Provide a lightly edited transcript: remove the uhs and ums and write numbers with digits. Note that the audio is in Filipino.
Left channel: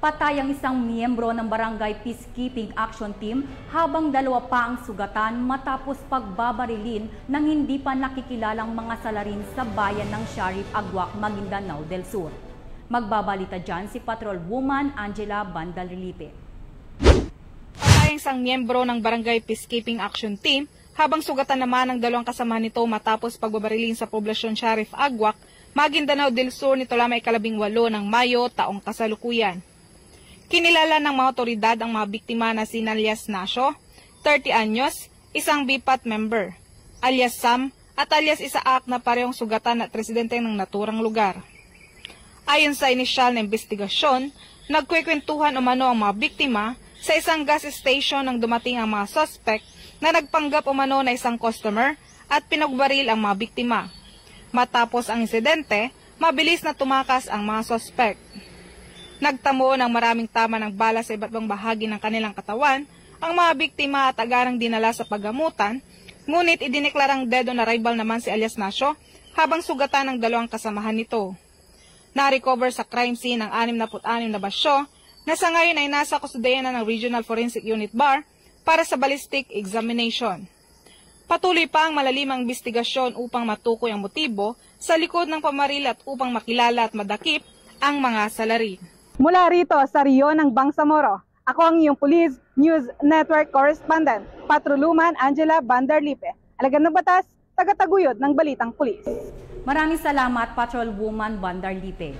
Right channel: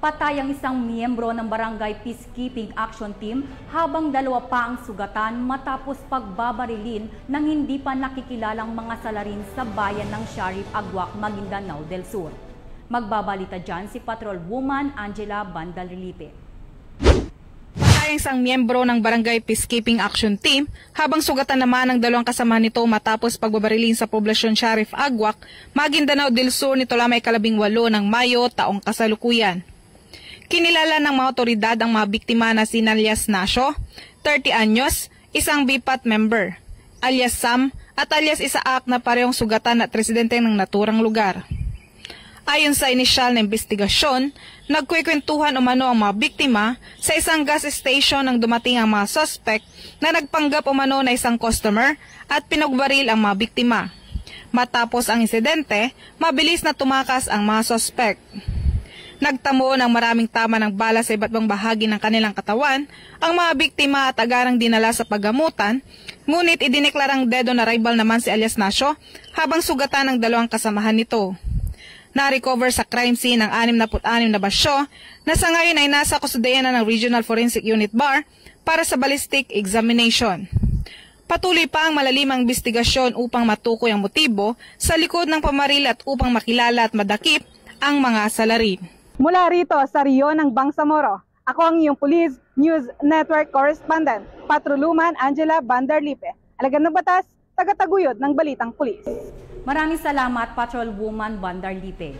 Patay ang isang miyembro ng Barangay Peacekeeping Action Team habang dalawa pa ang sugatan matapos pagbabarilin ng hindi pa nakikilalang mga salarin sa bayan ng Sharif Agwak, Maguindanao del Sur. Magbabalita dyan si Patrolwoman Angela Bandalilipe. Patay ang isang miyembro ng Barangay Peacekeeping Action Team habang sugatan naman ang dalawang kasama nito matapos pagbabarilin sa poblasyon Sharif Agwak, Maguindanao del Sur nito lamang 18 ng Mayo taong kasalukuyan. Kinilala ng mga otoridad ang mga biktima na si alias Nasho, 30 anyos, isang BPAT member, alias Sam at alias Isaak na parehong sugatan at residente ng naturang lugar. Ayon sa inisyal na investigasyon, nagkwekwentuhan umano ang mga biktima sa isang gas station nang dumating ang mga suspect na nagpanggap umano na isang customer at pinagbaril ang mga biktima. Matapos ang insidente, mabilis na tumakas ang mga suspect. Nagtamo ng maraming tama ng bala sa iba't ibang bahagi ng kanilang katawan ang mga biktima at agarang dinala sa paggamutan, ngunit idineklarang dead on arrival naman si alias Nasho habang sugatan ng dalawang kasamahan nito. Na-recover sa crime scene ang 66 na basyo na sa ngayon ay nasa kustudiyan na ng Regional Forensic Unit BAR para sa ballistic examination. Patuloy pa ang malalimang investigasyon upang matukoy ang motibo sa likod ng pamaril at upang makilala at madakip ang mga salarin. Mula rito sa Rio ng Bangsamoro, ako ang iyong Police News Network Correspondent, Patrolwoman Angela Bandarlipe. Alagad ng batas, tagataguyod ng balitang pulis. Maraming salamat, Patrolwoman Bandarlipe.